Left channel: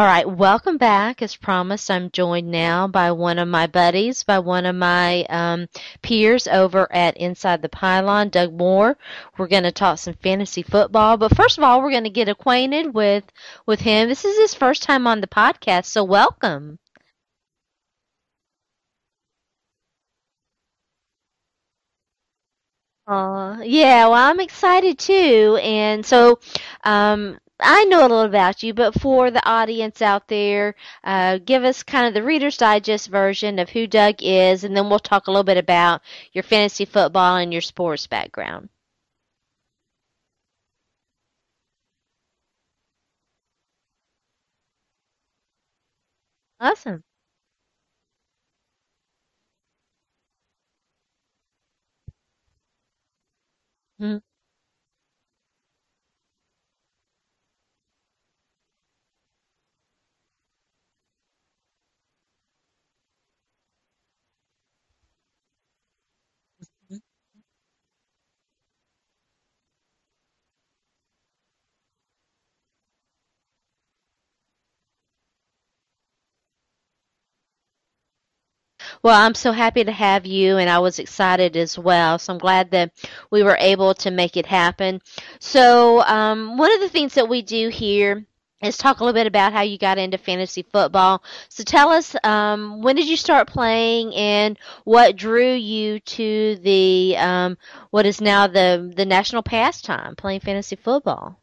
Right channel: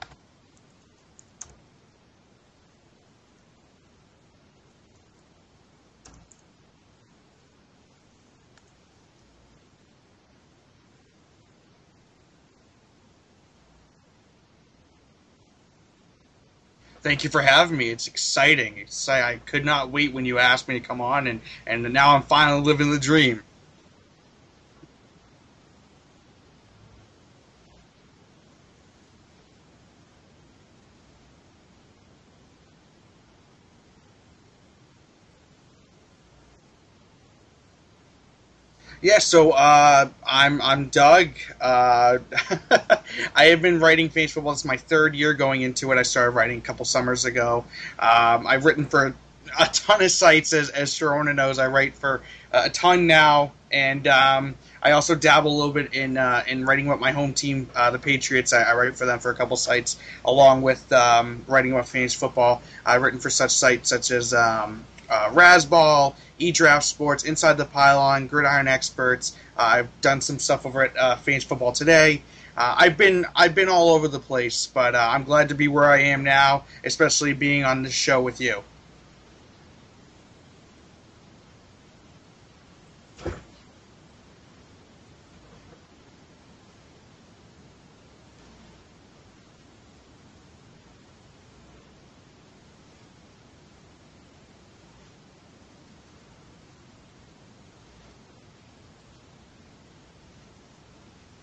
All right, welcome back. As promised, I'm joined now by one of my buddies, by one of my peers over at Inside the Pylon, Doug Moore. We're going to talk some fantasy football, but first of all, we're going to get acquainted with him. This is his first time on the podcast, so welcome. Thank you for having me. It's exciting. I could not wait when you asked me to come on, and now I'm finally living the dream. Yeah, well, I'm excited too, and so I know a little about you, but for the audience out there, give us kind of the Reader's Digest version of who Doug is, and then we'll talk a little bit about your fantasy football and your sports background. Yeah, so I'm Doug. I have been writing fantasy football. It's my third year going into it. I started writing a couple summers ago. I've written for a ton of sites, as Sharona knows. I write for a ton now, and I also dabble a little bit in writing about my home team, the Patriots. I write for them for a couple sites, along with writing about fantasy football. I've written for such sites such as Rasball, eDraft Sports, Inside the Pylon, Gridiron Experts. I've done some stuff over at Fantasy Football Today. I've been all over the place, but I'm glad to be where I am now, especially being on this show with you. Well, I'm so happy to have you, and I was excited as well. So I'm glad that we were able to make it happen. So one of the things that we do here is talk a little bit about how you got into fantasy football. So tell us, when did you start playing, and what drew you to the what is now the national pastime, playing fantasy football?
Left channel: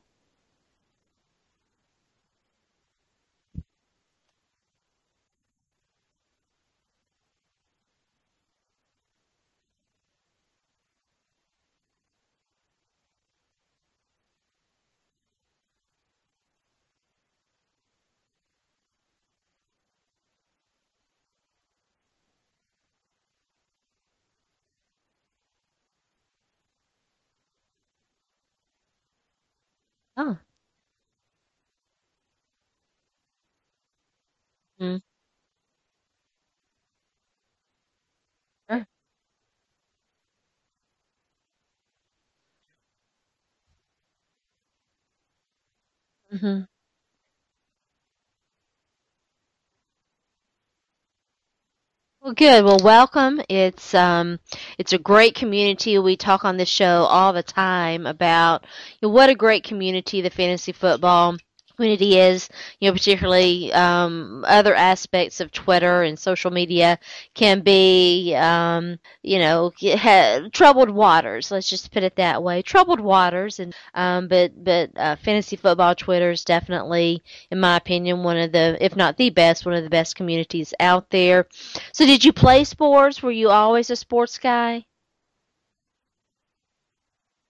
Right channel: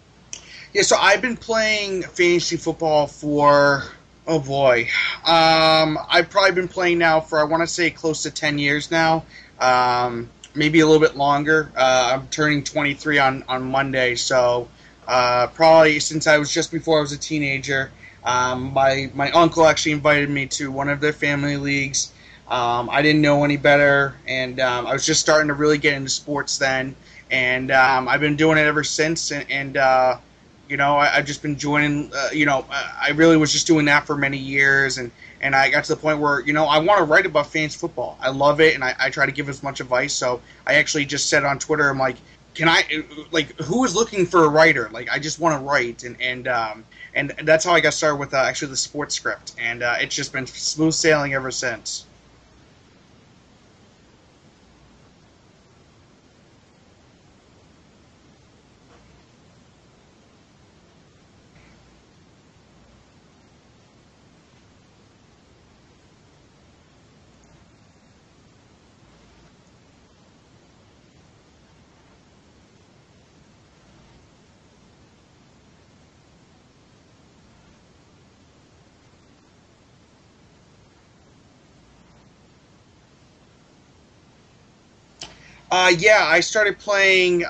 Yeah, so I've been playing fantasy football for, oh boy, I've probably been playing now for, I want to say, close to 10 years now, maybe a little bit longer. I'm turning 23 on Monday, so probably since I was just before I was a teenager. My uncle actually invited me to one of their family leagues. I didn't know any better, and I was just starting to really get into sports then, and I've been doing it ever since, you know, I've just been joining, I really was just doing that for many years, and I got to the point where, I want to write about fantasy football. I love it, and I try to give as much advice, so I actually just said on Twitter, I'm like, who is looking for a writer? Like, I just want to write, and that's how I got started with actually the sports script, and it's just been smooth sailing ever since. Well, good. Well, welcome. It's a great community. We talk on this show all the time about what a great community the fantasy football community is. Particularly other aspects of Twitter and social media can be, troubled waters. Let's just put it that way. Troubled waters, and but fantasy football Twitter is definitely, in my opinion, one of the, if not the best, one of the best communities out there. So, did you play sports? Were you always a sports guy? Yeah, I started playing.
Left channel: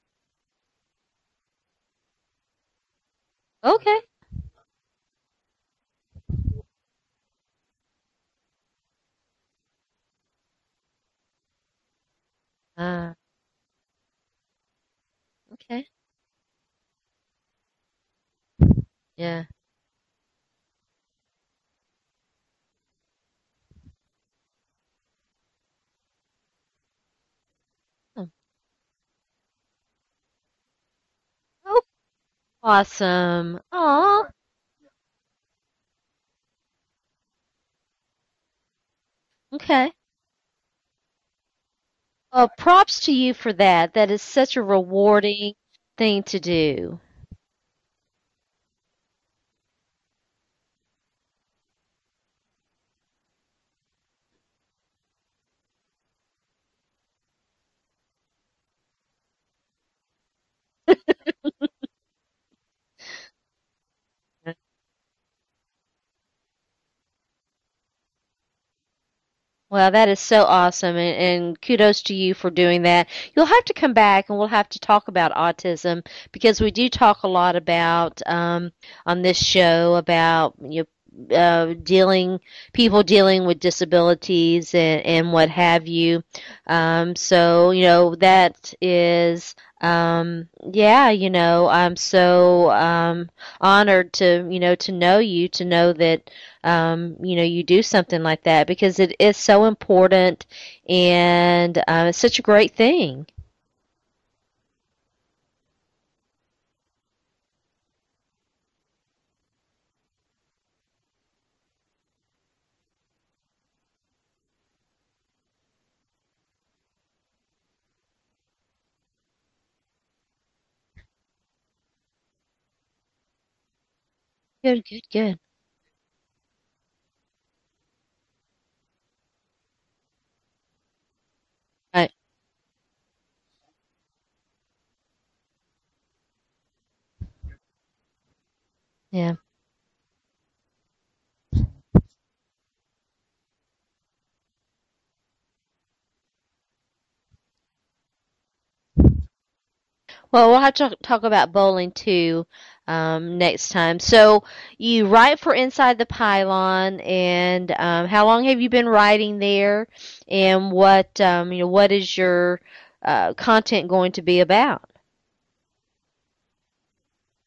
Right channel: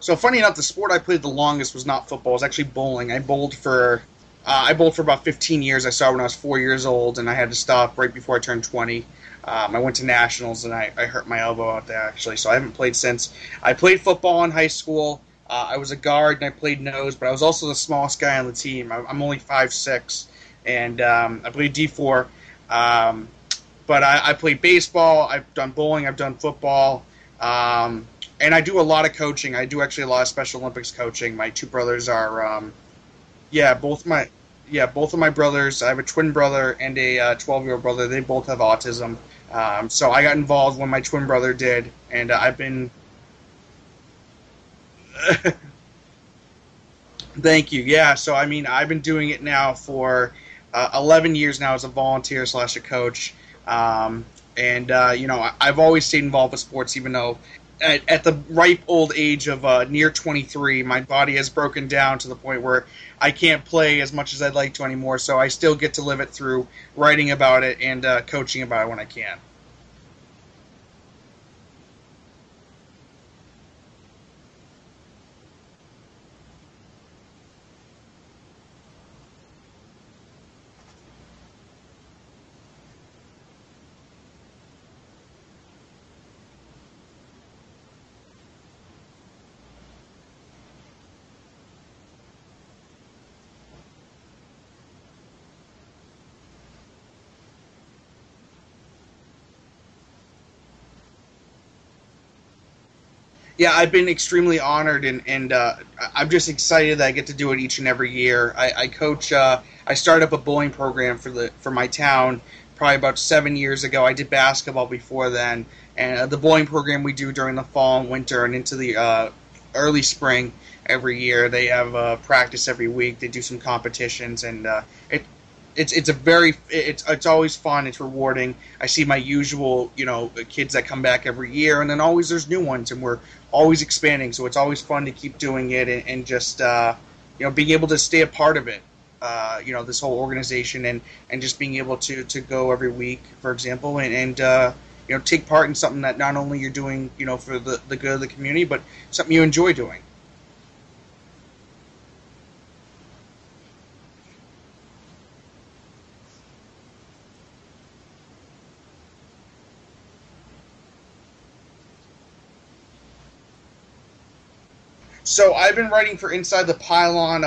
So funny enough, the sport I played the longest was not football. It was actually bowling. I bowled for about 15 years. I started when I was 4 years old, and I had to stop right before I turned 20. I went to nationals, and I hurt my elbow out there, actually, so I haven't played since. I played football in high school. I was a guard, and I played nose, but I was also the smallest guy on the team. I'm only 5'6", and I played D4. But I played baseball. I've done bowling. I've done football. And I do a lot of coaching. I do actually a lot of Special Olympics coaching. My two brothers are awesome. Yeah, both of my brothers. I have a twin brother and a 12-year-old brother. They both have autism. Okay. So I got involved when my twin brother did, and props to you for that. That is such a rewarding thing to do. Thank you. Yeah. So I mean, I've been doing it now for 11 years now as a volunteer / a coach. I've always stayed involved with sports, even though at the ripe old age of near 23, my body has broken down to the point where I can't play as much as I'd like to anymore. So I still get to live it through writing about it and coaching about it when I can. Well, that is so awesome, and kudos to you for doing that. You'll have to come back, and we'll have to talk about autism, because we do talk a lot about, on this show, about people dealing with disabilities and what have you. So that is, I'm so honored to know you, to know that you do something like that, because it is so important, and it's such a great thing. Yeah, I've been extremely honored, and I'm just excited that I get to do it each and every year. I coach. I started up a bowling program for my town probably about 7 years ago. I did basketball before then, and the bowling program we do during the fall and winter and into the early spring every year. They have practice every week. They do some competitions, and Good, good, it good. it's always fun. It's rewarding. I see my usual kids that come back every year, and then Right. always there's new ones, and we're always expanding. So it's always fun to keep doing it, and just being able to stay a part of it. Yeah. This whole organization, and just being able to go every week, for example, and take part in something that not only you're doing for the good of the community, but something you enjoy doing. Well, we'll have to talk about bowling too next time. So you write for Inside the Pylon, and how long have you been writing there? And what is your content going to be about? So I've been writing for Inside the Pylon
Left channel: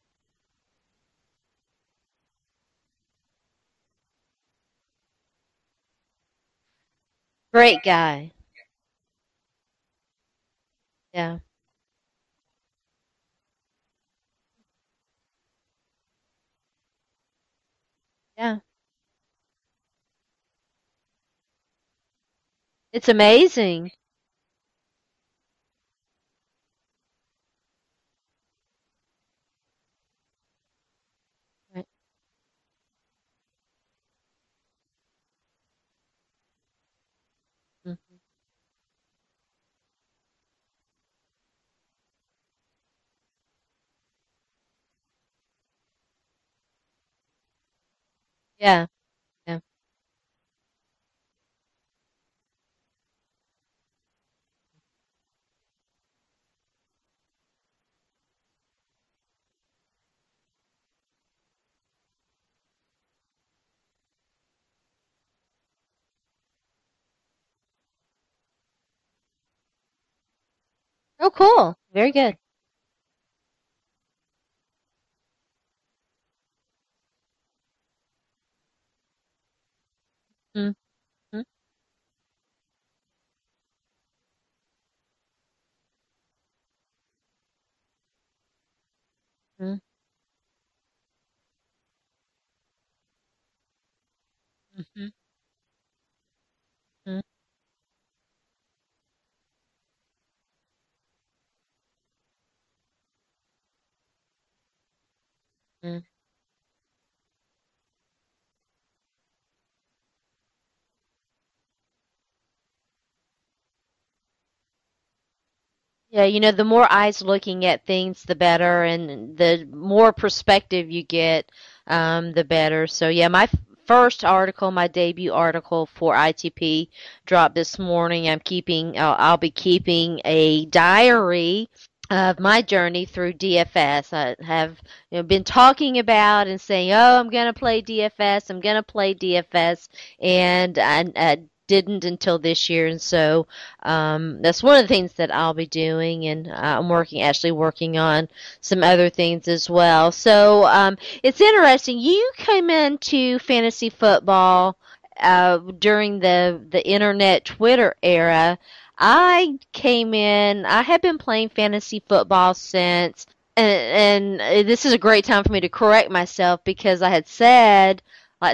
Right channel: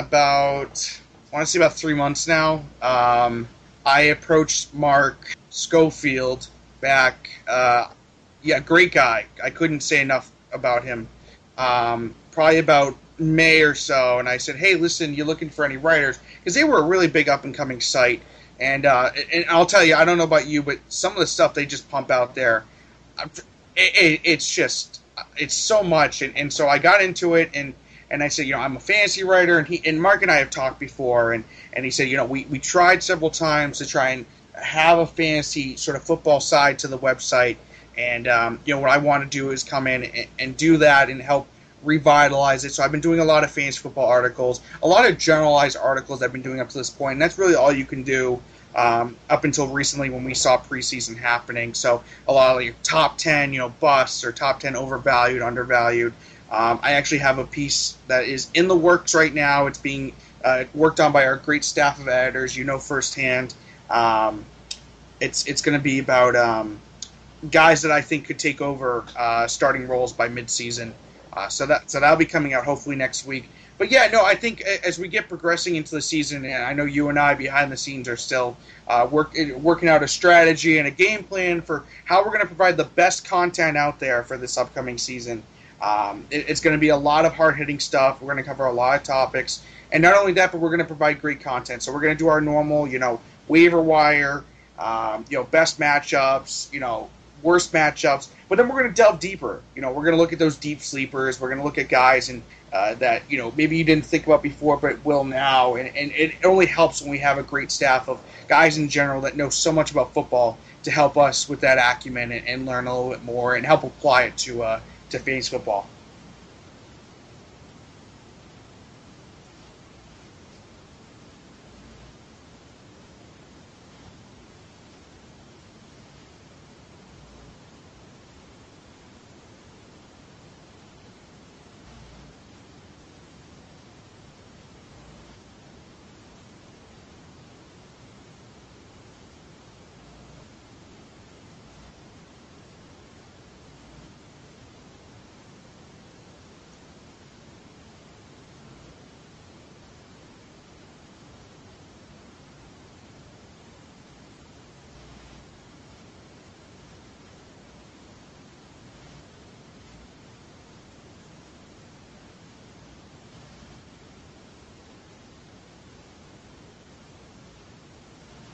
I want to say about 3 months now. I approached Mark Schofield back. Great guy. Yeah, great guy. I couldn't say enough about him. Yeah. Probably about May or so, and I said, "Hey, listen, you looking for any writers?" Because they were a really big up and coming site, Yeah. And I'll tell you, I don't know about you, but some of the stuff they just pump out there, It's amazing. it's so much, and so I got into it, and I said, I'm a fantasy writer, and Mark and I have talked before, and he said, we tried several times to try and have a fantasy sort of football side to the website, and what I want to do is come in and do that and help revitalize it. So I've been doing a lot of fantasy football articles, a lot of generalized articles I've been doing up to this point, and that's really all you can do up until recently when we saw preseason happening. So a lot of your top 10, busts or top 10 overvalued, undervalued. I actually have a piece that is in the works right now. It's being worked on by our great staff of editors, firsthand. It's going to be about guys that I think could take over starting roles by midseason. Oh, cool. So that'll be coming out hopefully next week. But yeah, no, I think as we get progressing into the season, and I know you and I behind the scenes are still working out a strategy and a game plan for how we're going to provide the best content out there for this upcoming season. It's going to be a lot of hard-hitting stuff. We're going to cover a lot of topics. And not only that, but we're going to provide great content. So we're going to do our normal, waiver wire, best matchups, worst matchups. But then we're going to delve deeper. We're going to look at those deep sleepers. We're going to look at guys that, maybe you didn't think about before but will now. And it only helps when we have a great staff of guys in general that know so much about football to help us with that acumen and learn a little bit more and help apply it to fantasy football. Yeah, the more eyes looking at things, the better, and the more perspective you get, the better. So, yeah, my first article, my debut article for ITP dropped this morning. I'll be keeping a diary of my journey through DFS. I have been talking about and saying, I'm going to play DFS, and I didn't until this year, and so that's one of the things that I'll be doing, and I'm actually working on some other things as well. So it's interesting. You came into fantasy football during the internet Twitter era. I came in. I have been playing fantasy football since, and this is a great time for me to correct myself because I had said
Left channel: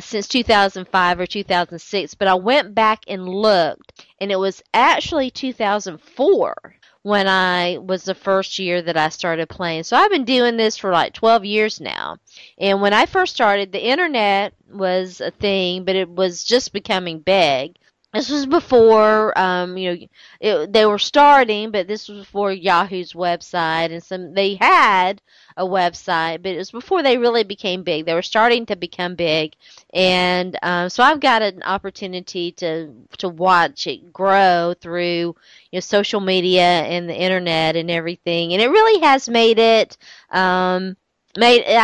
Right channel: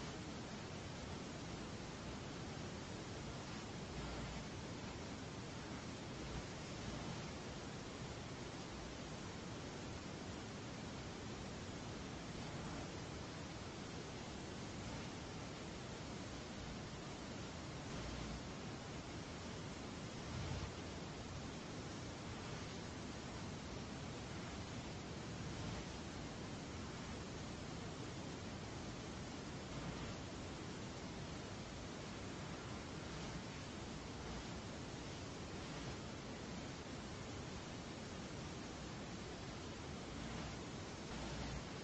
since 2005 or 2006, but I went back and looked, and it was actually 2004 when I was the first year that I started playing. So I've been doing this for 12 years now. And when I first started, the internet was a thing, but it was just becoming big. This was before, they were starting, but this was before Yahoo's website, and they had a website, but it was before they really became big. They were starting to become big, and so I've got an opportunity to watch it grow through social media and the internet and everything, and it really has made it. I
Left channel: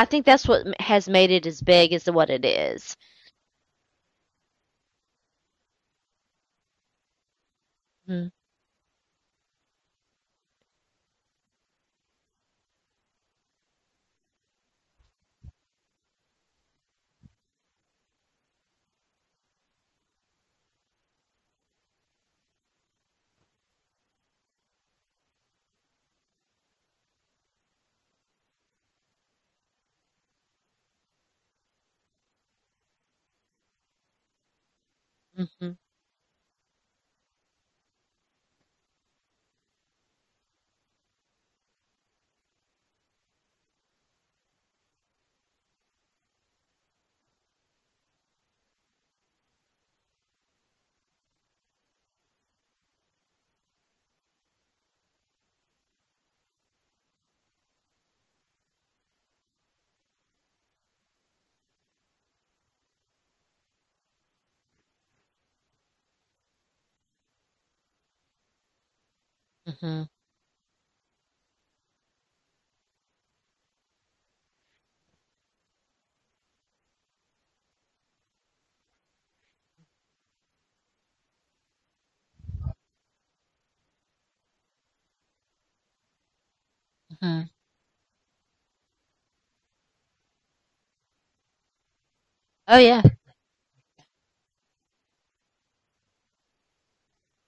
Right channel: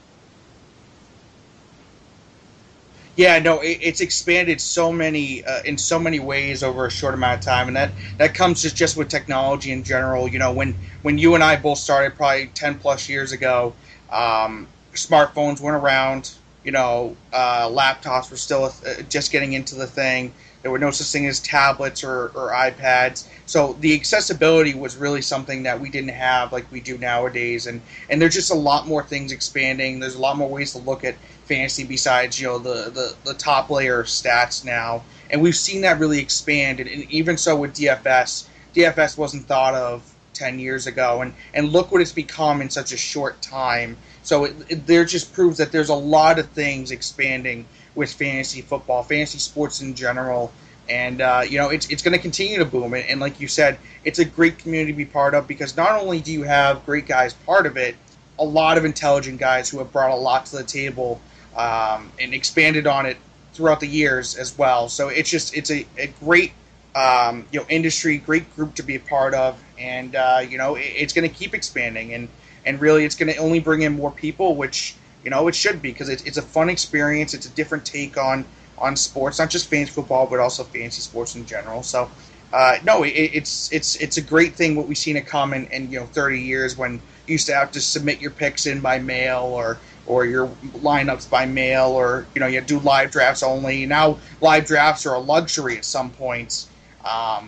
think that's what has made it as big as what it is. Yeah, no, it's expanded so many in so many ways over a short amount of time, and that comes just with technology in general. When you and I both started probably 10 plus years ago, smartphones weren't around. Laptops were still just getting into the thing. There were no such thing as tablets or iPads. So the accessibility was really something that we didn't have like we do nowadays. And there's just a lot more things expanding. There's a lot more ways to look at fantasy besides, the top layer of stats now. And we've seen that really expand. And even so with DFS wasn't thought of 10 years ago. And look what it's become in such a short time. So there just proves that there's a lot of things expanding with fantasy football, fantasy sports in general. And, it's going to continue to boom. And like you said, it's a great community to be part of because not only do you have great guys part of it, a lot of intelligent guys who have brought a lot to the table and expanded on it throughout the years as well. So it's a great industry, great group to be a part of. And, it's going to keep expanding. And really, it's going to only bring in more people, which, it should be because it's a fun experience. It's a different take on sports, not just fantasy football, but also fantasy sports in general. So, it's a great thing what we've seen it come in 30 years when you used to have to submit your picks in by mail or your lineups by mail or, you had to do live drafts only. Now, live drafts are a luxury at some points,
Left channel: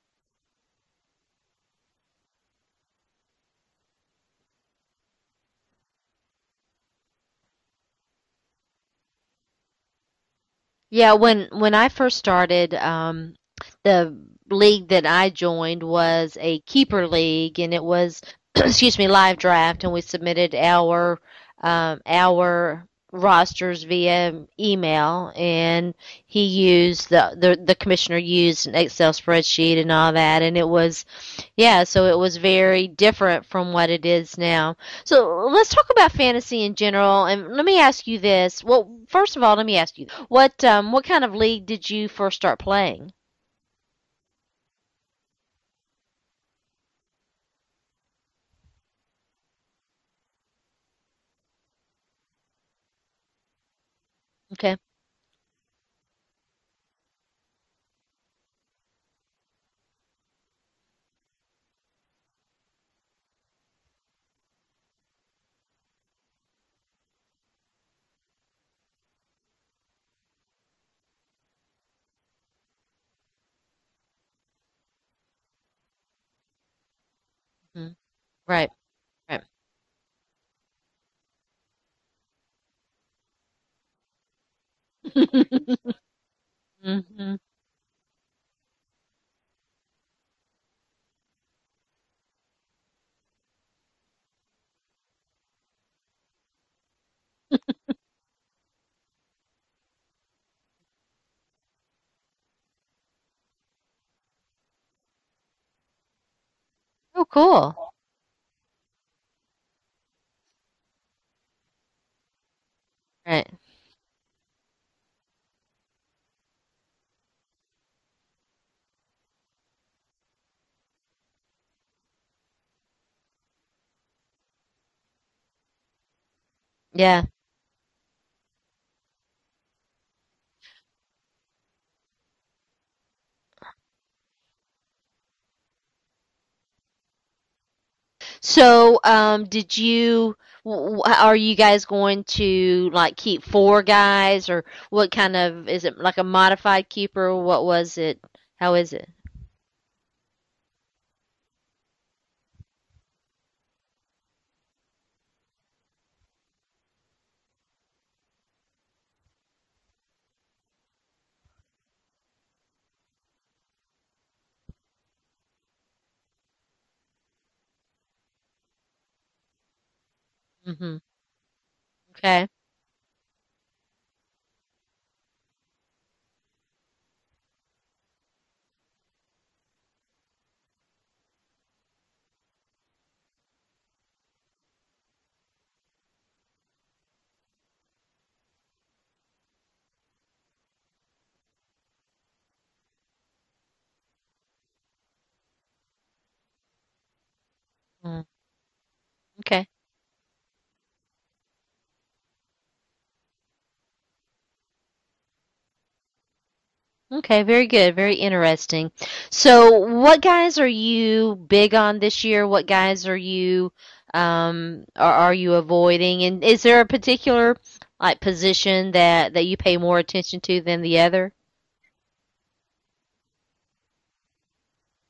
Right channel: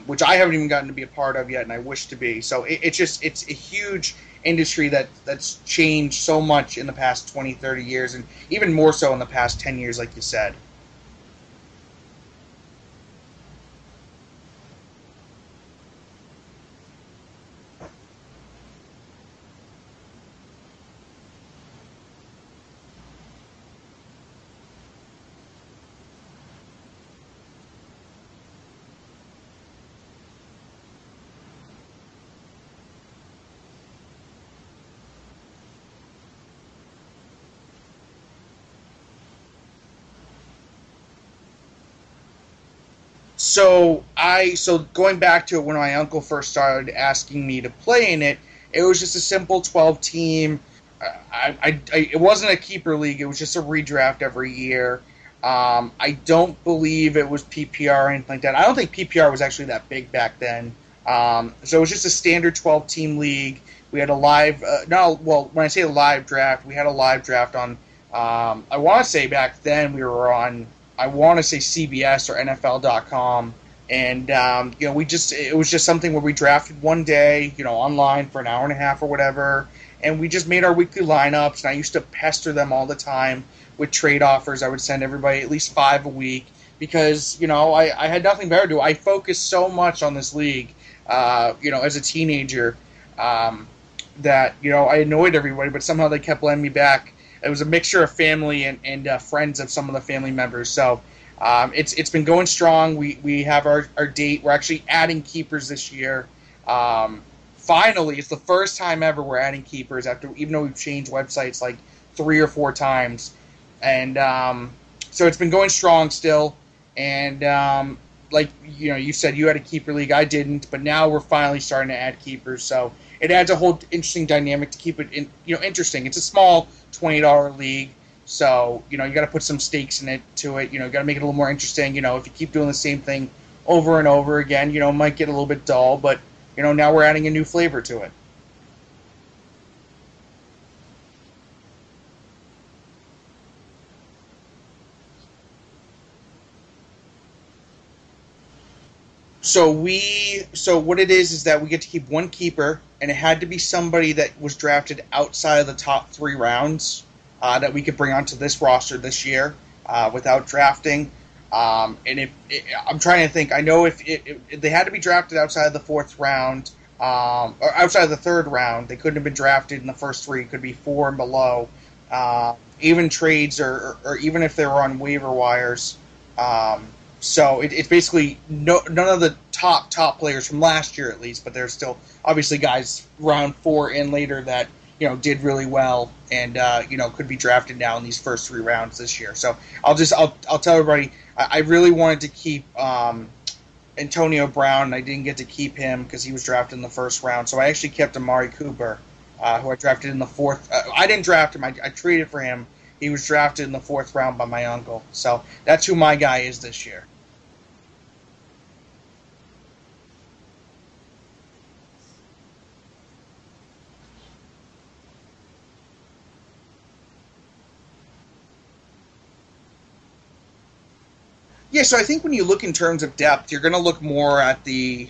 which I haven't even gotten to be a part of yet, and I wish to be. So it's a huge industry that's changed so much in the past 20, 30 years, and even more so in the past 10 years, like you said. Yeah, when I first started, the league that I joined was a keeper league, and it was, excuse me, live draft, and we submitted our rosters via email, and he used the commissioner used an Excel spreadsheet and all that, and it was, so it was very different from what it is now. So let's talk about fantasy in general, and let me ask you this. Well, first of all, let me ask you, what kind of league did you first start playing? So going back to when my uncle first started asking me to play in it, it was just a simple 12-team. It wasn't a keeper league. It was just a redraft every year. I don't believe it was PPR or anything like that. I don't think PPR was actually that big back then. So it was just a standard 12-team league. We had a live when I say a live draft, we had a live draft on, I want to say back then we were on, I want to say CBS or NFL.com. And, it was just something where we drafted one day, online for an hour and a half or whatever. Right. And we just made our weekly lineups, and I used to pester them all the time with trade offers. I would send everybody at least 5 a week because, I had nothing better to do. I focused so much on this league, as a teenager that, I annoyed everybody, but somehow they kept letting me back. It was a mixture of family and friends of some of the family members. So it's been going strong. We have our date. We're actually adding keepers this year. Cool. Finally, it's the first time ever we're adding keepers even though we've changed websites like 3 or 4 times. Right. And so it's been going strong still. And like you said, you had a keeper league. I didn't, but now we're finally starting to add keepers. So it adds a whole interesting dynamic to keep it interesting. It's a small $20 league. So, you got to put some stakes in it to it. You got to make it a little more interesting. If you keep doing the same thing over and over again, it might get a little bit dull, but now we're adding a new flavor to it. So, are you guys going to keep 4 guys, or what kind of, is it like a modified keeper? What was it? How is it? So what it is that we get to keep 1 keeper, and it had to be somebody that was drafted outside of the top 3 rounds that we could bring onto this roster this year without drafting. And I'm trying to think. I know if they had to be drafted outside of the 4th round, or outside of the 3rd round, they couldn't have been drafted in the first 3. It could be 4 and below. Even trades or even if they were on waiver wires. So it's basically none of the top players from last year at least, but there's still obviously guys round 4 and later that did really well and could be drafted now in these first 3 rounds this year. So I'll tell everybody. I really wanted to keep Antonio Brown, and I didn't get to keep him because he was drafted in the 1st round. So I actually kept Amari Cooper, who I drafted in the 4th. I didn't draft him. I traded for him. He was drafted in the 4th round by my uncle. So that's who my guy is this year. Okay, very good. Very interesting. So what guys are you big on this year? What guys are you avoiding? And is there a particular position that you pay more attention to than the other? Yeah, so I think when you look in terms of depth, you're going to look more at the,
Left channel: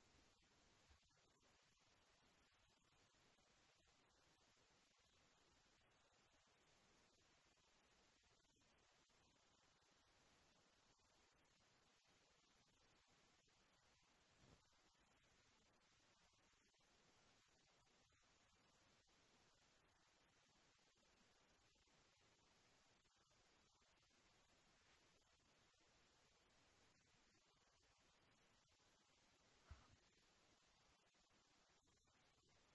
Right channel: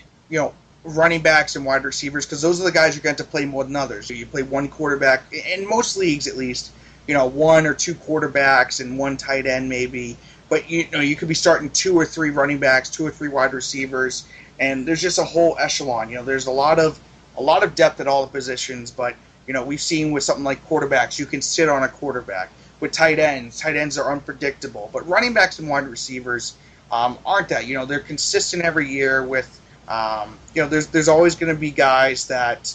running backs and wide receivers, because those are the guys you're going to play more than others. So you play one quarterback, in most leagues at least, one or two quarterbacks and one tight end maybe. But, you could be starting two or three running backs, two or three wide receivers, and there's just a whole echelon. There's a lot of depth at all the positions, but, we've seen with something like quarterbacks, you can sit on a quarterback. With tight ends are unpredictable. But running backs and wide receivers aren't that. They're consistent every year with, there's always going to be guys that,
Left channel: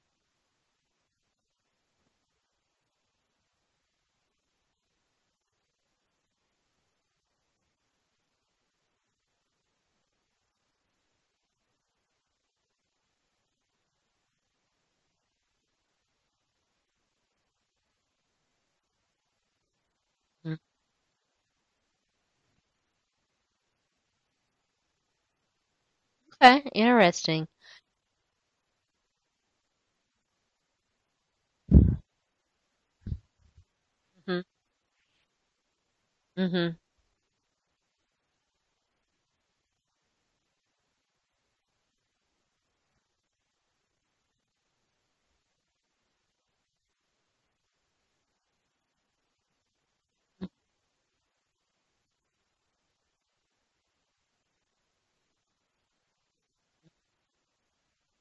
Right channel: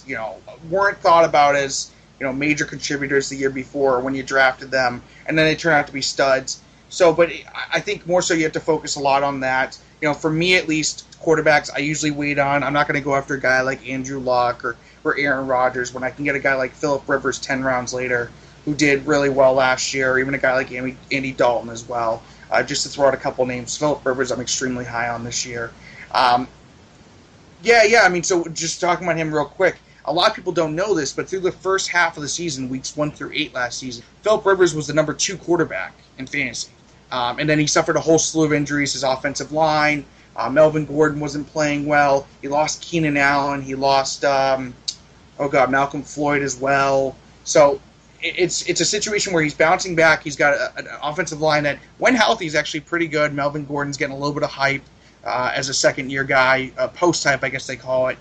weren't thought about as, major contributors the year before when you drafted them, and then they turn out to be studs. So, but I think more so you have to focus a lot on that. For me at least, quarterbacks I usually wait on. I'm not going to go after a guy like Andrew Luck or Aaron Rodgers when I can get a guy like Phillip Rivers 10 rounds later who did really well last year, or even a guy like Andy Dalton as well. Just to throw out a couple names, Phillip Rivers I'm extremely high on this year. Okay, interesting. Yeah. I mean, so just talking about him real quick, a lot of people don't know this, but through the first half of the season, weeks 1 through 8 last season, Phillip Rivers was the number 2 quarterback in fantasy. And then he suffered a whole slew of injuries, his offensive line. Melvin Gordon wasn't playing well. He lost Keenan Allen. He lost, Malcolm Floyd as well. So it's a situation where he's bouncing back. He's got an offensive line that, when healthy, is actually pretty good. Melvin Gordon's getting a little bit of hype as a second-year guy, post-hype, I guess they call it.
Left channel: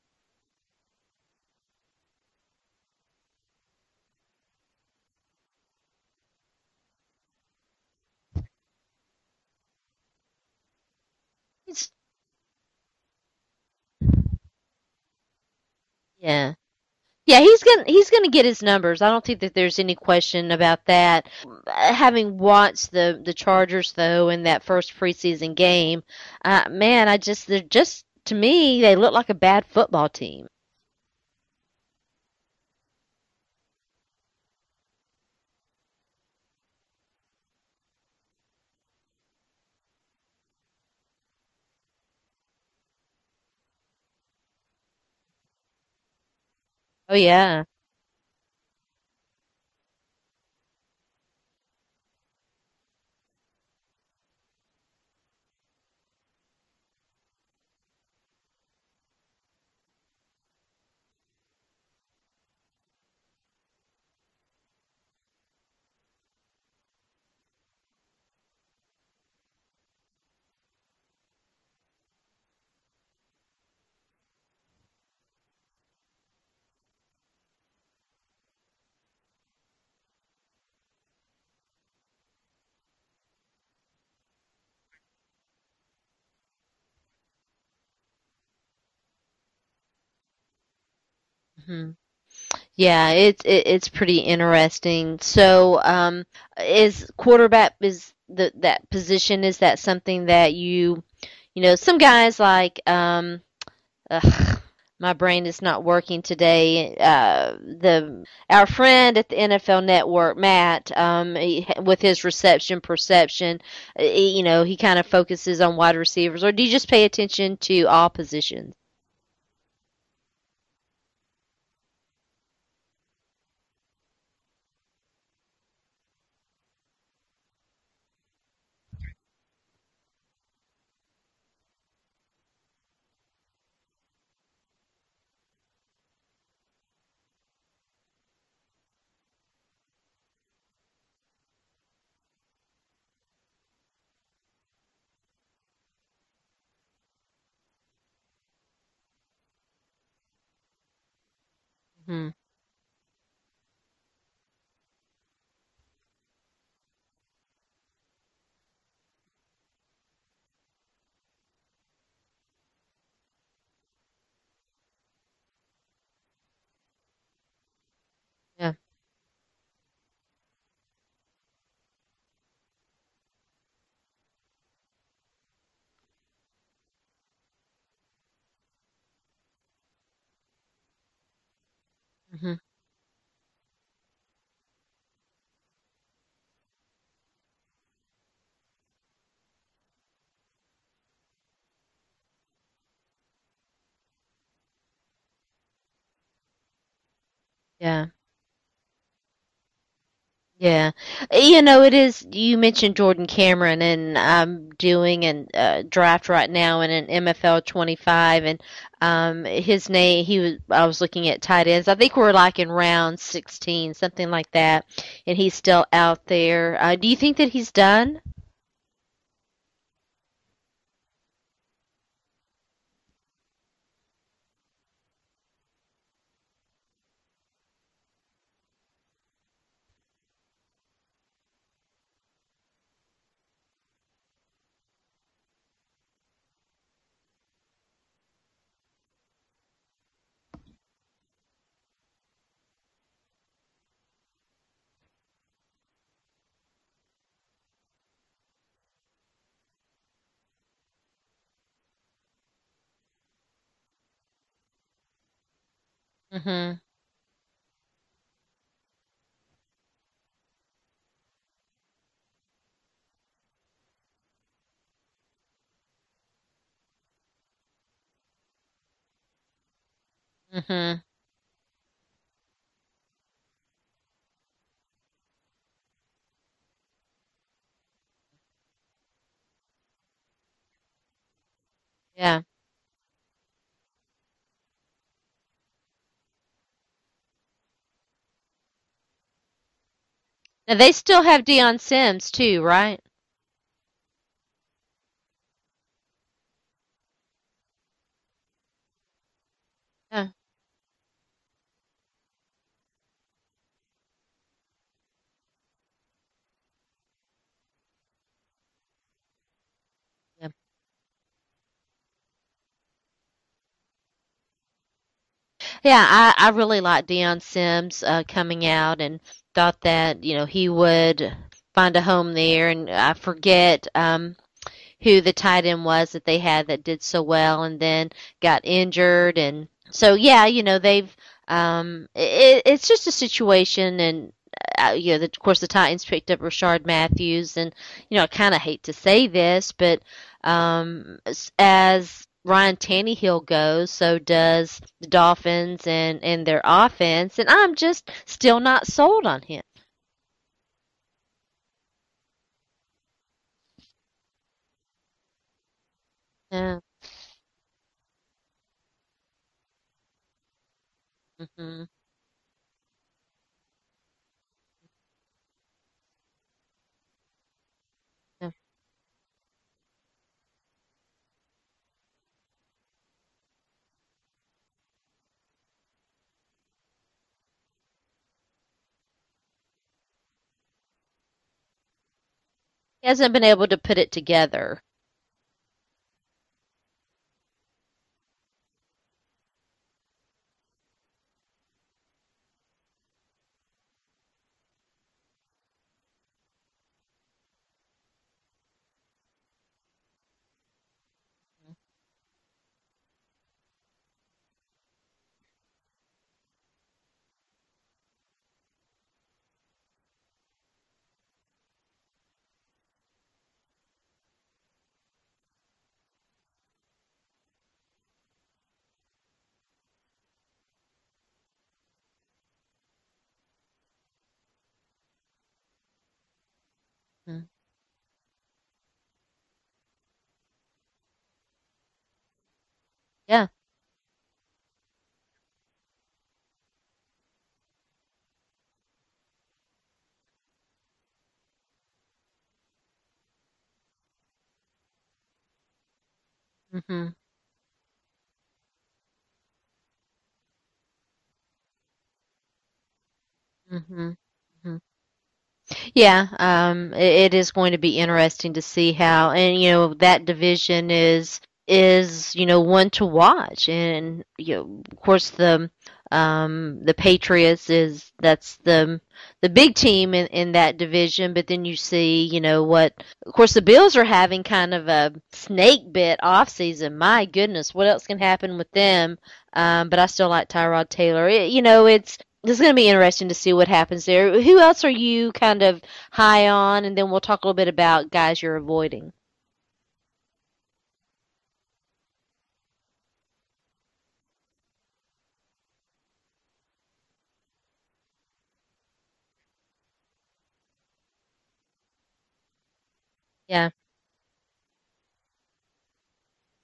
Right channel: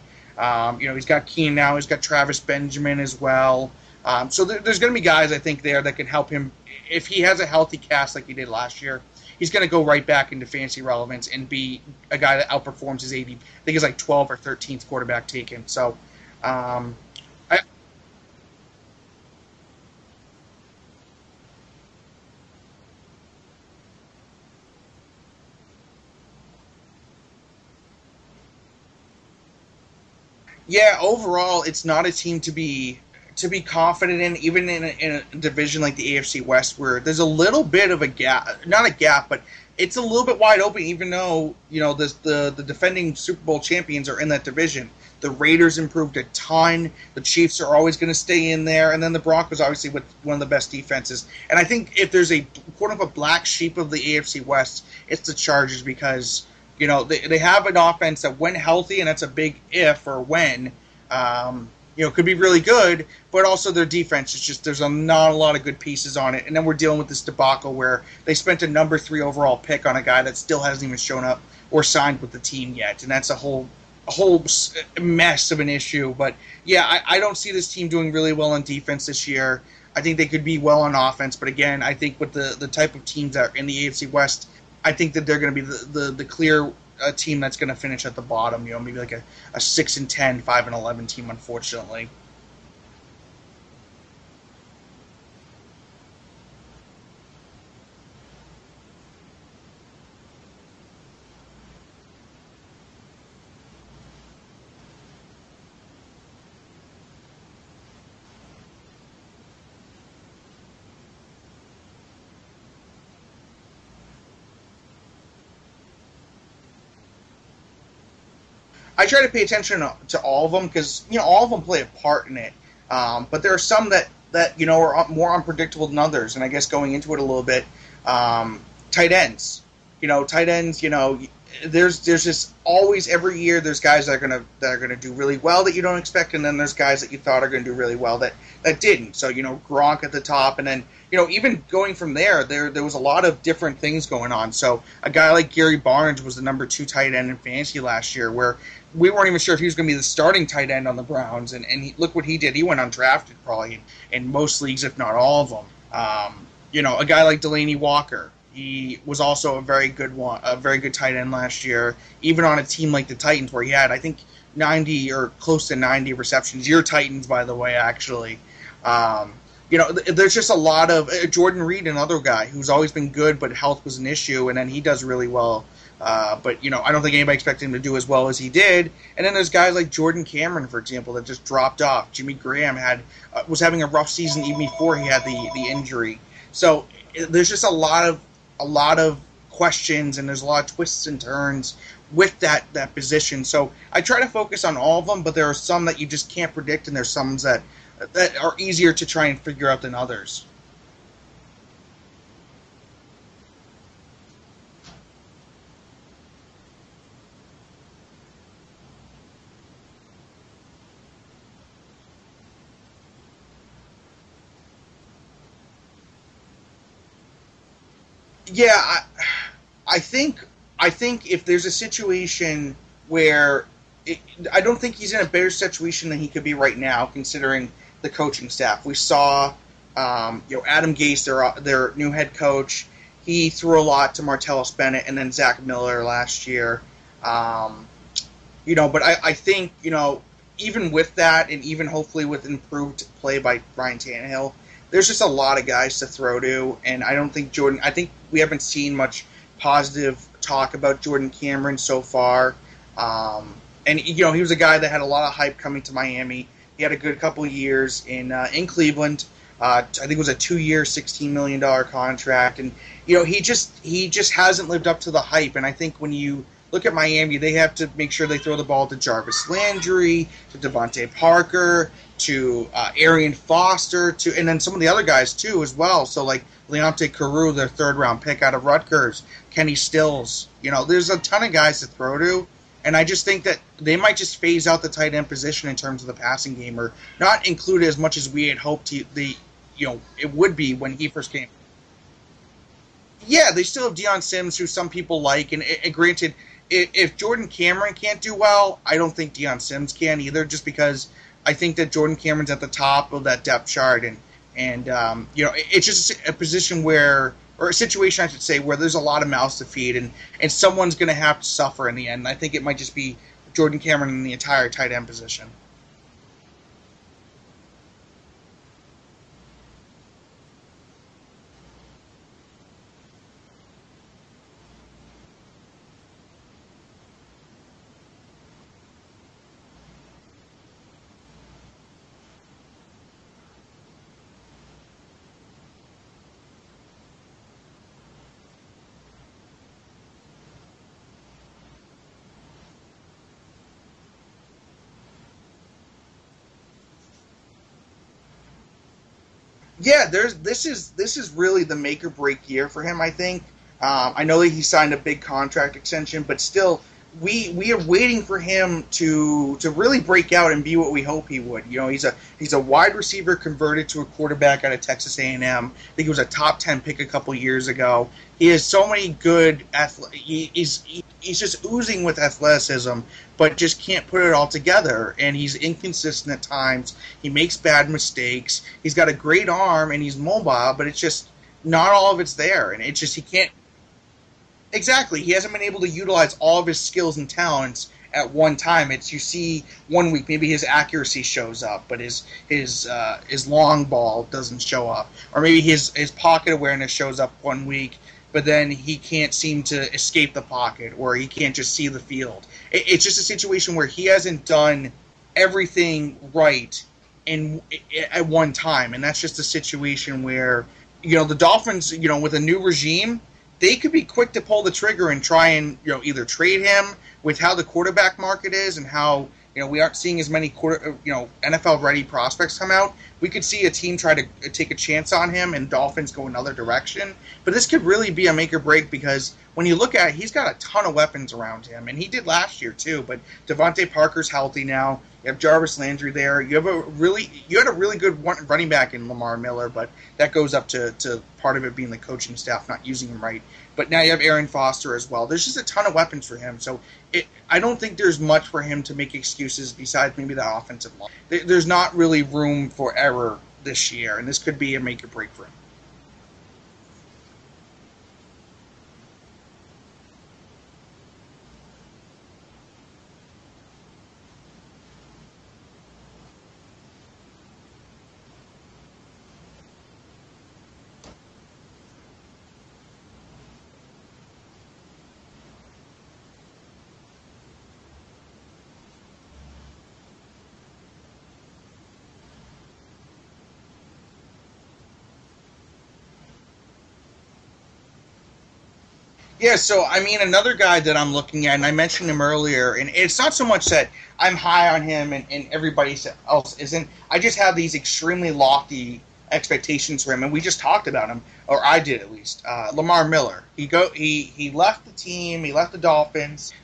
He's got Keenan now. He's got Travis Benjamin as well. So there's going to be guys, I think, there that can help him. If he has a healthy cast like he did last year, he's going to go right back into fantasy relevance and be a guy that outperforms his ADP. I think he's like 12th or 13th quarterback taken. So, yeah. He's gonna get his numbers. I don't think that there's any question about that. Having watched the Chargers though in that first preseason game, they're just, to me, they look like a bad football team. Yeah, overall, it's not a team to be confident in, even in a division like the AFC West, where there's a little bit of a gap, not a gap, but it's a little bit wide open, even though, the defending Super Bowl champions are in that division. The Raiders improved a ton. The Chiefs are always going to stay in there. And then the Broncos, obviously, with one of the best defenses. And I think if there's a quote-unquote black sheep of the AFC West, it's the Chargers, because, they have an offense that, when healthy, and that's a big if or when, could be really good, but also their defense is just, there's not a lot of good pieces on it. And then we're dealing with this debacle where they spent a number 3 overall pick on a guy that still hasn't even shown up or signed with the team yet. And that's a whole mess of an issue. But yeah, I don't see this team doing really well on defense this year. I think they could be well on offense, but again, I think with the type of teams that are in the AFC West, I think that they're going to be the clear team that's going to finish at the bottom. Maybe like a 6-10, 5-11 team, unfortunately. Yeah, it's pretty interesting. So, is quarterback that position? Is that something that some guys like? My brain is not working today. Our friend at the NFL Network, Matt, with his reception perception, he kind of focuses on wide receivers. Or do you just pay attention to all positions? I try to pay attention to all of them, because all of them play a part in it. But there are some that are more unpredictable than others. And I guess going into it a little bit, tight ends. There's just always, every year, there's guys that are gonna do really well that you don't expect, and then there's guys that you thought are gonna do really well that didn't. So Gronk at the top, and then even going from there was a lot of different things going on. So a guy like Gary Barnes was the number 2 tight end in fantasy last year, where we weren't even sure if he was going to be the starting tight end on the Browns, and look what he did. He went undrafted probably in most leagues, if not all of them. A guy like Delaney Walker. He was also a very good tight end last year, even on a team like the Titans, where he had, I think, 90 or close to 90 receptions. Your Titans, by the way, actually. Yeah. There's just a lot of Jordan Reed, another guy who's always been good, but health was an issue, and then he does really well. But I don't think anybody expected him to do as well as he did. And then there's guys like Jordan Cameron, for example, that just dropped off. Jimmy Graham was having a rough season even before he had the injury. So there's just a lot of questions, and there's a lot of twists and turns with that position. So I try to focus on all of them, but there are some that you just can't predict, and there's some that Yeah. that are easier to try and figure out than others. Yeah. You know, it is, you mentioned Jordan Cameron, and I'm doing a draft right now in an MFL 25, and his name, I was looking at tight ends. I think we're like in round 16, something like that, and he's still out there. Do you think that he's done? Yeah, I think if there's a situation where I don't think he's in a better situation than he could be right now, considering the coaching staff. We saw, Adam Gase, their new head coach. He threw a lot to Martellus Bennett and then Zach Miller last year. But I think, even with that, and even hopefully with improved play by Ryan Tannehill, there's just a lot of guys to throw to, and I don't think I think we haven't seen much positive talk about Jordan Cameron so far. And he was a guy that had a lot of hype coming to Miami. Mm-hmm. He had a good couple of years in Cleveland. I think it was a 2-year, $16 million contract, and he just hasn't lived up to the hype. And I think when you look at Miami, they have to make sure they throw the ball to Jarvis Landry, to Devontae Parker, to Arian Foster, and then some of the other guys too as well. So like Leonte Carew, their 3rd-round pick out of Rutgers, Kenny Stills. There's a ton of guys to throw to. Yeah. And I just think that they might just phase out the tight end position in terms of the passing game, or not include it as much as we had hoped it would be. And they still have Deion Sims too, right? Yeah, they still have Deion Sims, who some people like. And granted, if Jordan Cameron can't do well, I don't think Deion Sims can either, just because I think that Jordan Cameron's at the top of that depth chart. And it's just a position where, or a situation, I should say, where there's a lot of mouths to feed, and someone's going to have to suffer in the end. I think it might just be Jordan Cameron in the entire tight end position. Yeah, I really liked Deion Sims coming out, and thought that, he would find a home there. And I forget who the tight end was that they had that did so well and then got injured. And so, yeah, they've it's just a situation. And of course, the Titans picked up Rishard Matthews, and I kind of hate to say this, but as Ryan Tannehill goes, so does the Dolphins and their offense, and I'm just still not sold on him. Yeah, this is really the make or break year for him, I think. I know that he signed a big contract extension, but still, we are waiting for him to really break out and be what we hope he would. He's a wide receiver converted to a quarterback out of Texas A&M. I think he was a top 10 pick a couple years ago. He has so many good he's just oozing with athleticism, but just can't put it all together. And he's inconsistent at times. He makes bad mistakes. He's got a great arm and he's mobile, but it's just not all of it's there, and it just hasn't been able to put it together. Exactly, he hasn't been able to utilize all of his skills and talents at one time. You see 1 week maybe his accuracy shows up, but his long ball doesn't show up, or maybe his pocket awareness shows up 1 week, but then he can't seem to escape the pocket, or he can't just see the field. It's just a situation where he hasn't done everything right at one time, and that's just a situation where. The Dolphins, with a new regime, they could be quick to pull the trigger and try and, either trade him with how the quarterback market is and how, we aren't seeing as many NFL-ready prospects come out. We could see a team try to take a chance on him and Dolphins go another direction. Mm-hmm. But this could really be a make or break, because when you look at it, he's got a ton of weapons around him, and he did last year too. But yeah. Devontae Parker's healthy now. You have Jarvis Landry there. You had a really good running back in Lamar Miller, but that goes up to part of it being the coaching staff not using him right. But now you have Arian Foster as well. There's just a ton of weapons for him. So I don't think there's much for him to make excuses besides maybe the offensive line. There's not really room for error this year, and this could be a make or break for him. Yeah, it is going to be interesting to see how, and that division is one to watch, and of course the Patriots that's the big team in that division, but then you see what, of course, the Bills are having kind of a snake bit off season. My goodness, what else can happen with them? But I still like Tyrod Taylor. It's going to be interesting to see what happens there. Who else are you kind of high on? And then we'll talk a little bit about guys you're avoiding. Yeah, so I mean, another guy that I'm looking at, and I mentioned him earlier, and it's not so much that I'm high on him and everybody else isn't. I just have these extremely lofty expectations for him, and we just talked about him, or I did at least. Lamar Miller. Yeah. He left the team. He left the Dolphins.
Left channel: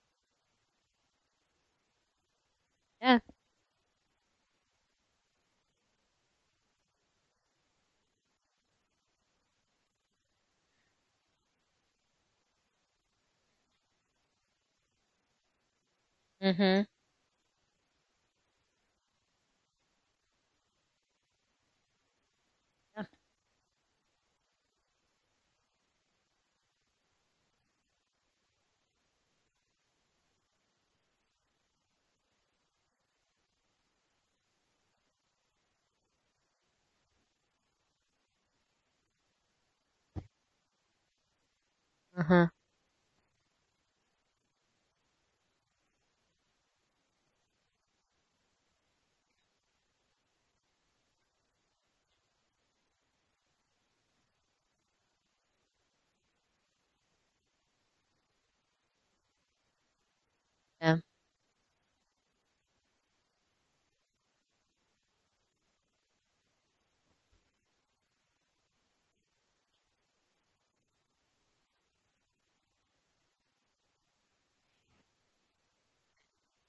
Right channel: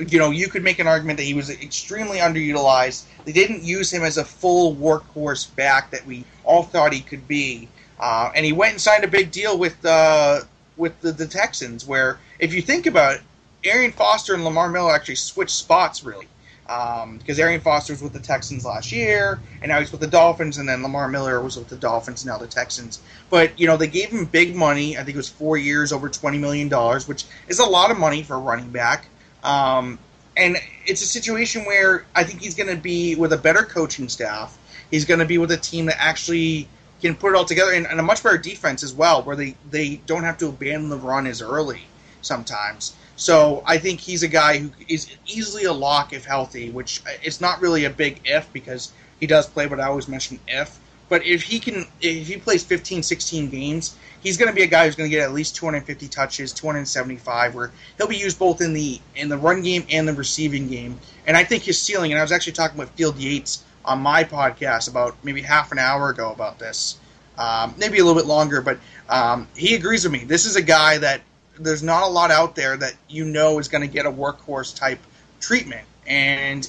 You could make an argument that he was extremely underutilized. Yeah. They didn't use him as a full workhorse back that we all thought he could be. And he went and signed a big deal with the Texans, where if you think about it, Arian Foster and Lamar Miller actually switched spots, really. Because Arian Foster was with the Texans last year, and now he's with the Dolphins, and then Lamar Miller was with the Dolphins, now the Texans. But, they gave him big money. I think it was 4 years, over $20 million, which is a lot of money for a running back. And it's a situation where I think he's going to be with a better coaching staff. He's going to be with a team that actually can put it all together, and a much better defense as well, where they don't have to abandon the run as early sometimes. So I think he's a guy who is easily a lock if healthy, which it's not really a big if, because he does play, but I always mention if. But if he plays 15, 16 games, he's going to be a guy who's going to get at least 250 touches, 275, where he'll be used both in the run game and the receiving game. Yeah. And I think his ceiling, and I was actually talking with Field Yates on my podcast about maybe half an hour ago about this, maybe a little bit longer, but he agrees with me. This is a guy that there's not a lot out there that is going to get a workhorse type treatment, and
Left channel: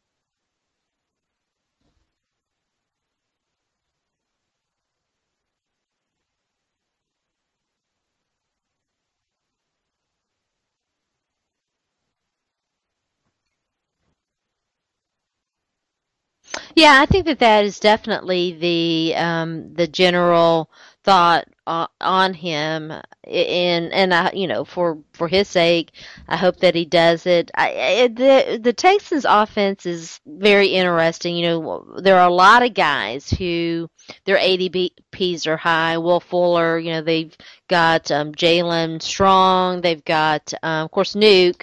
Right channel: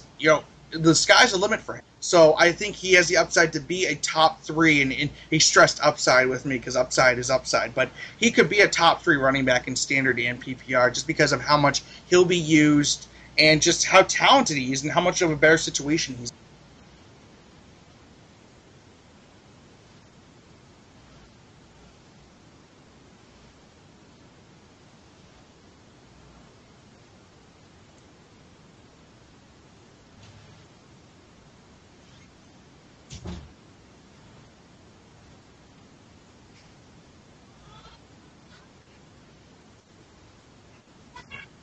the sky's the limit for him. So I think he has the upside to be a top 3, and he stressed upside with me because upside is upside, but he could be a top 3 running back in standard and PPR just because of how much he'll be used and just how talented he is and how much of a better situation he's in. Yeah, I think that is definitely the general thought on him, and for his sake, I hope that he does it. The Texans' offense is very interesting. There are a lot of guys who their ADPs are high. Will Fuller, they've got Jalen Strong. They've got, of course, Nuke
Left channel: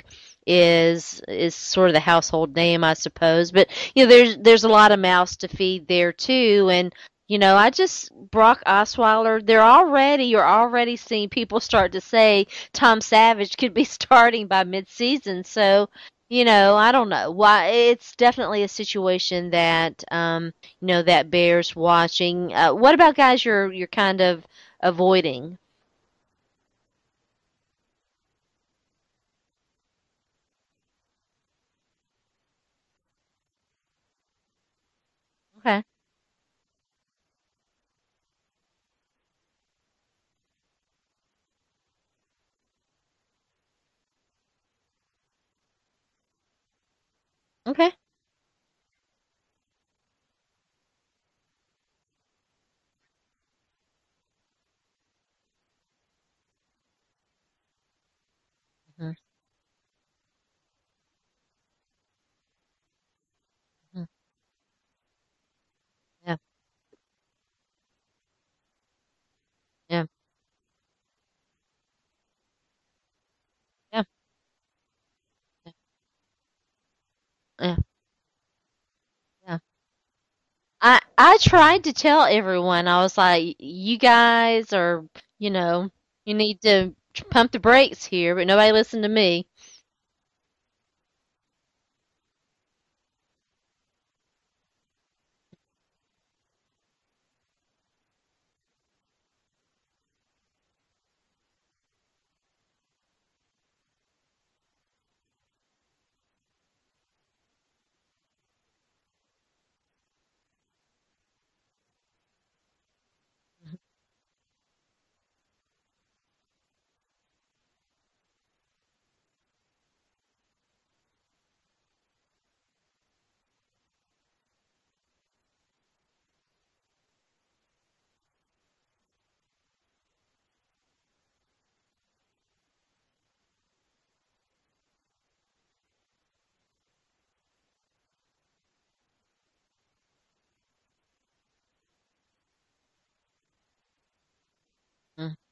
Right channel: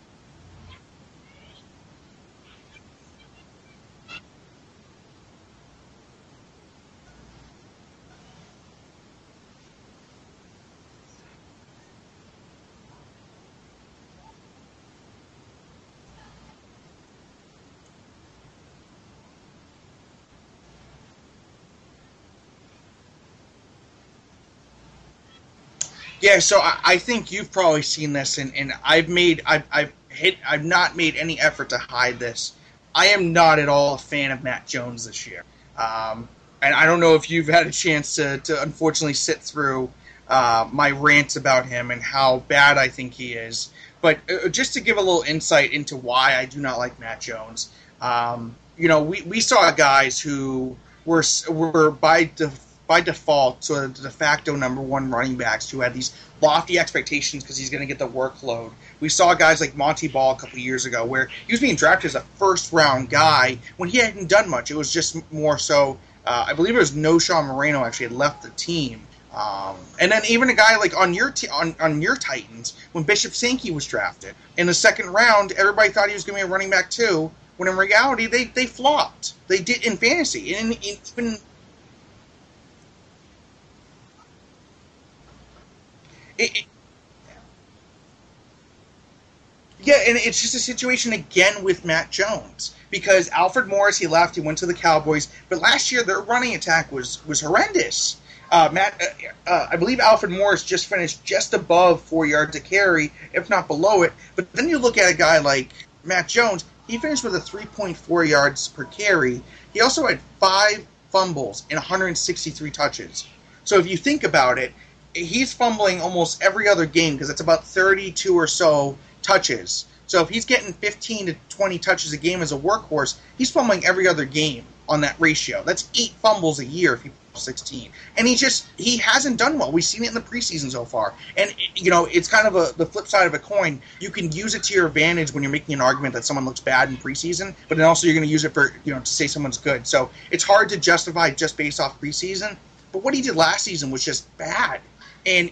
is sort of the household name, I suppose. But there's a lot of mouths to feed there too, and Brock Osweiler, you're already seeing people start to say Tom Savage could be starting by midseason. So, I don't know why. It's definitely a situation that that bears watching. What about guys you're kind of avoiding? Yeah, so I think you've probably seen this, and I've not made any effort to hide this. I am not at all a fan of Matt Jones this year. Okay. And I don't know if you've had a chance to unfortunately sit through my rants about him and how bad I think he is. But just to give a little insight into why I do not like Matt Jones. Okay. We saw guys who were by default sort of the de facto number 1 running backs who had these lofty expectations because he's going to get the workload. We saw guys like Monty Ball a couple of years ago where he was being drafted as a first-round guy when he hadn't done much. It was just more so. I believe it was Noshawn Moreno actually had left the team. And then even a guy like on your Titans, when Bishop Sankey was drafted in the second round, everybody thought he was going to be a running back too. When in reality, they flopped. They did in fantasy. I tried to tell everyone. I was like, you guys are, you need to pump the brakes here, but nobody listened to me. Yeah, and it's just a situation again with Matt Jones. Because Alfred Morris, he left, he went to the Cowboys, but last year their running attack was horrendous. I believe Alfred Morris just finished just above 4 yards a carry, if not below it. But then you look at a guy like Matt Jones, he finished with a 3.4 yards per carry. He also had 5 fumbles and 163 touches. So if you think about it, he's fumbling almost every other game because it's about 32 or so touches. So if he's getting 15 to 20 touches a game as a workhorse, he's fumbling every other game on that ratio. That's 8 fumbles a year if he fumbles 16. And he hasn't done well. We've seen it in the preseason so far. And, it's kind of the flip side of a coin. You can use it to your advantage when you're making an argument that someone looks bad in preseason, but then also you're going to use it for, to say someone's good. So it's hard to justify just based off preseason. But what he did last season was just bad. Mm-hmm. And,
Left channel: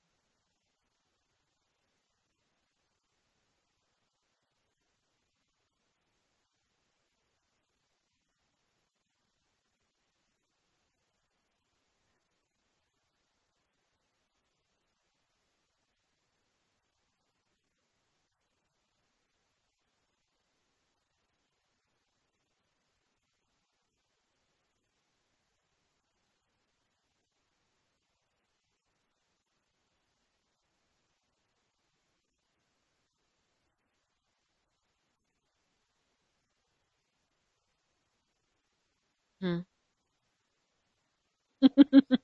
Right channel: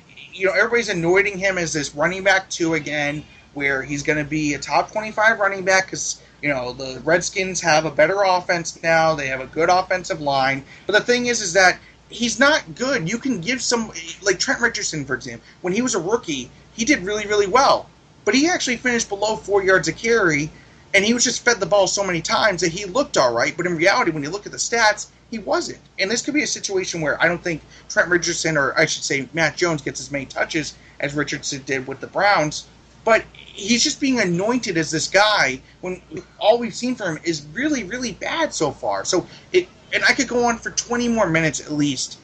everybody's anointing him as this running back 2 again, where he's going to be a top 25 running back because, the Redskins have a better offense now. They have a good offensive line. But the thing is that he's not good. You can give some, like Trent Richardson, for example. When he was a rookie, he did really, really well. But he actually finished below 4 yards a carry, and he was just fed the ball so many times that he looked all right. But in reality, when you look at the stats, he wasn't. And this could be a situation where I don't think Trent Richardson, or I should say Matt Jones, gets as many touches as Richardson did with the Browns. But he's just being anointed as this guy when all we've seen from him is really, really bad so far. So and I could go on for 20 more minutes at least.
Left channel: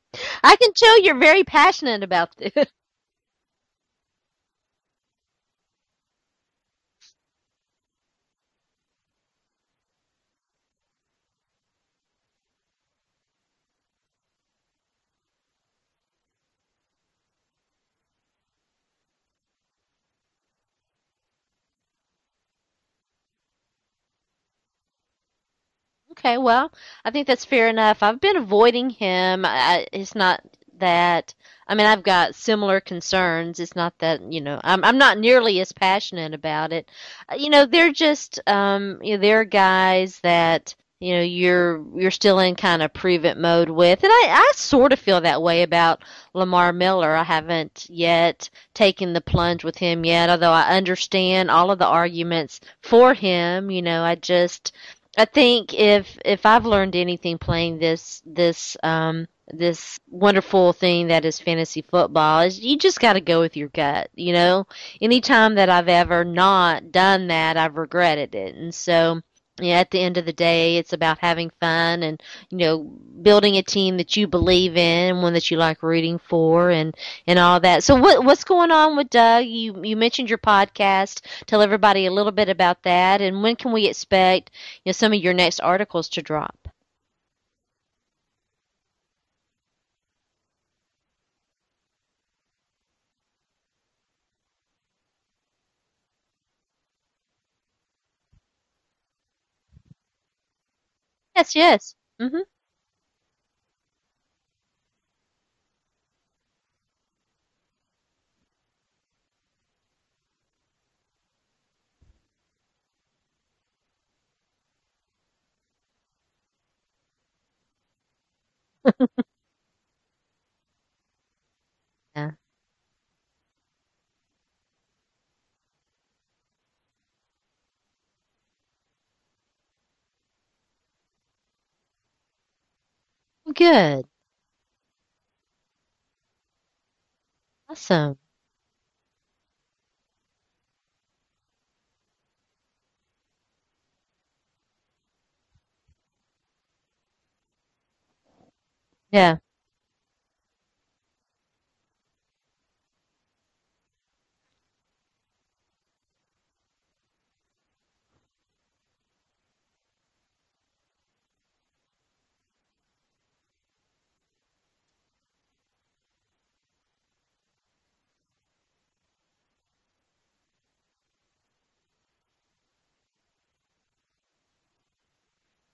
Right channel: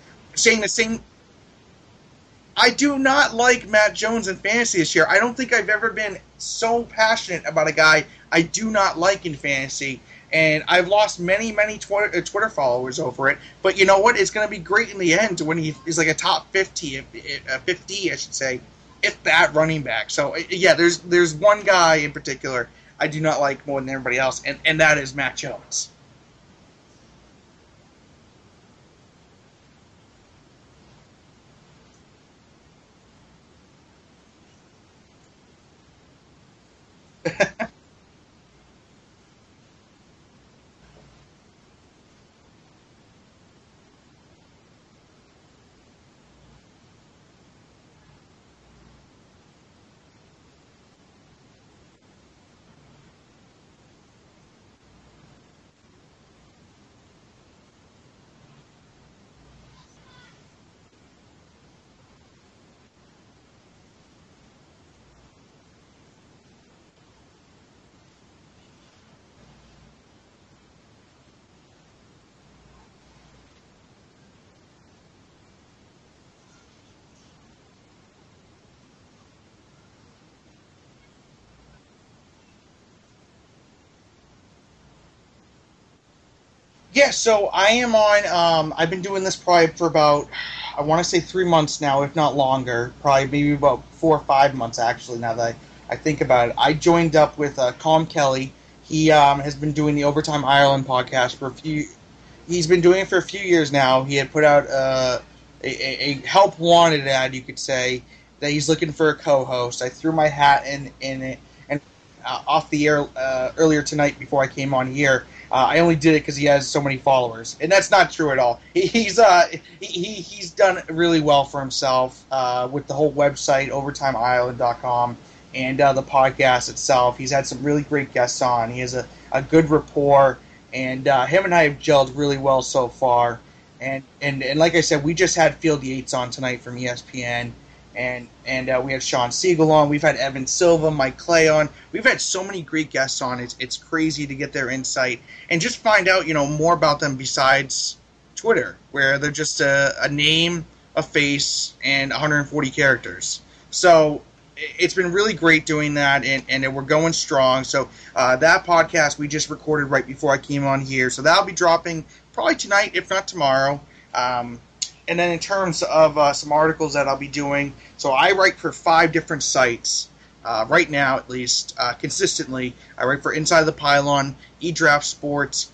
I can tell you're very passionate about this. I do not like Matt Jones in fantasy this year. I don't think I've ever been so passionate about a guy I do not like in fantasy. And I've lost many, many Twitter followers over it. But you know what? It's going to be great in the end when he's like a top 50, I should say, if that running back. So, yeah, there's one guy in particular I do not like more than everybody else, and that is Matt Jones. Okay, well, I think that's fair enough. I've been avoiding him. It's not that. I mean, I've got similar concerns. It's not that, I'm not nearly as passionate about it. They're just, there are guys that, you're still in kind of prove-it mode with. And I sort of feel that way about Lamar Miller. I haven't yet taken the plunge with him yet, although I understand all of the arguments for him. I think if I've learned anything playing this wonderful thing that is fantasy football, is you just got to go with your gut. Anytime that I've ever not done that, I've regretted it. And so, at the end of the day, it's about having fun and building a team that you believe in, one that you like rooting for, and all that. So what's going on with Doug? You mentioned your podcast. Tell everybody a little bit about that, and when can we expect some of your next articles to drop? Yeah, so I am on. I've been doing this probably for about, I want to say 3 months now, if not longer. Probably maybe about 4 or 5 months actually. Now that I think about it, I joined up with Colm Kelly. He has been doing the Overtime Ireland podcast He's been doing it for a few years now. He had put out a help wanted ad, you could say, that he's looking for a co-host. I threw my hat in it, and off the air earlier tonight before I came on here. I only did it because he has so many followers, and that's not true at all. He's done really well for himself with the whole website, OvertimeIreland.com, and the podcast itself. He's had some really great guests on. He has a good rapport. And him and I have gelled really well so far. Good. And like I said, we just had Field Yates on tonight from ESPN. Awesome. And we had Sean Siegel on. We've had Evan Silva, Mike Clay on. We've had so many great guests on. It's crazy to get their insight and just find out more about them besides Twitter, where they're just a name, a face, and 140 characters. So it's been really great doing that, and we're going strong. So that podcast we just recorded right before I came on here. So that'll be dropping probably tonight, if not tomorrow. And then in terms of some articles that I'll be doing, so I write for 5 different sites right now, at least, consistently. I write for Inside the Pylon, eDraft Sports,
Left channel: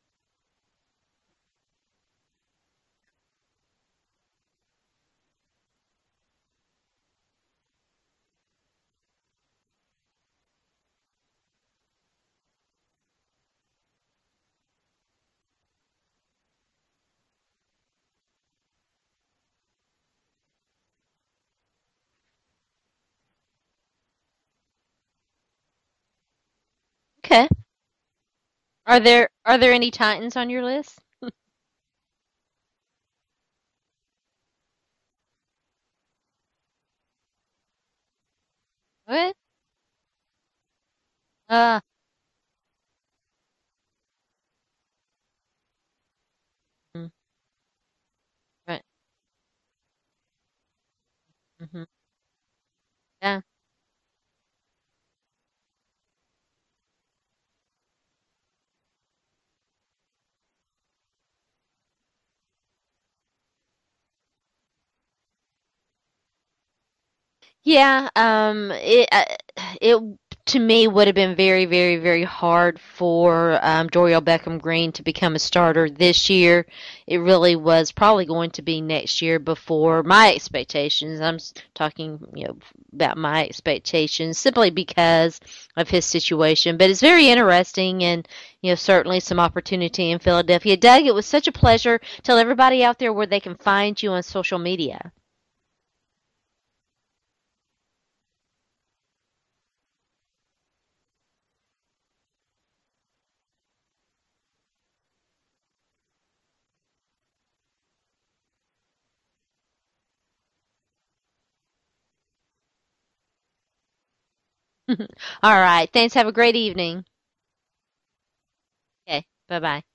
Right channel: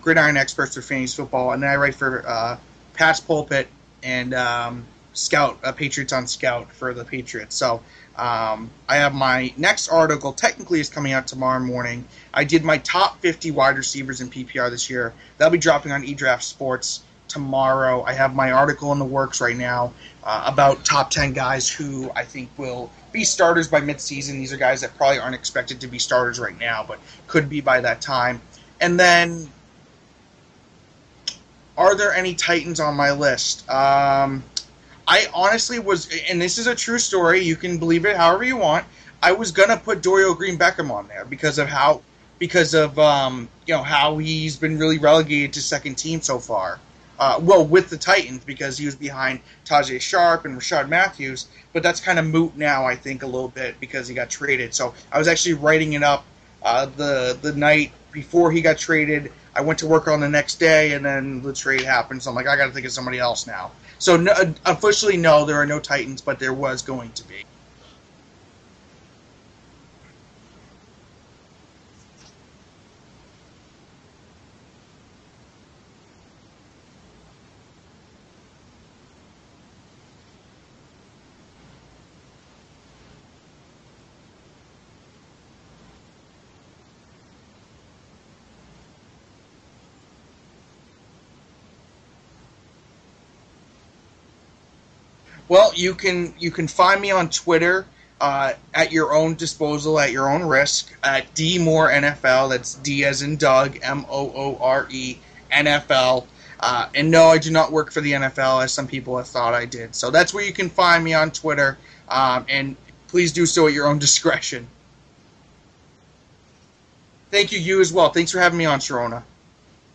Gridiron Experts for Fantasy Football, and then I write for Pat's Pulpit and Scout, Patriots on Scout for the Patriots. So I have my next article, technically is coming out tomorrow morning. I did my top 50 wide receivers in PPR this year. That'll be dropping on eDraft Sports tomorrow. I have my article in the works right now about top 10 guys who I think will be starters by midseason. These are guys that probably aren't expected to be starters right now, but could be by that time. And are there any Titans on your list? Are there any Titans on my list? I honestly was, and this is a true story, you can believe it however you want. Okay. I was gonna put Dorial Green-Beckham on there because of how he's been really relegated to second team so far. With the Titans, because he was behind Tajay Sharp and Rishard Matthews, but that's kind of moot now, I think, a little bit because he got traded. So I was actually writing it up the night before he got traded. I went to work on the next day, and then the trade happened. So I'm like, I got to think of somebody else now. So officially, no, there are no Titans, but there was going to be. Yeah, it to me would have been very, very, very hard for Dorial Beckham-Green to become a starter this year. It really was probably going to be next year before my expectations. I'm talking, about my expectations simply because of his situation. But it's very interesting, and certainly some opportunity in Philadelphia. Doug, it was such a pleasure. Tell everybody out there where they can find you on social media. Well, you can find me on Twitter at your own disposal, at your own risk, at D Moore NFL. That's D as in Doug, Moore NFL. And no, I do not work for the NFL, as some people have thought I did. So that's where you can find me on Twitter. And please do so at your own discretion. All right. Thanks. Have a great evening. Thank you. You as well. Thanks for having me on, Sharona. Okay. Bye-bye.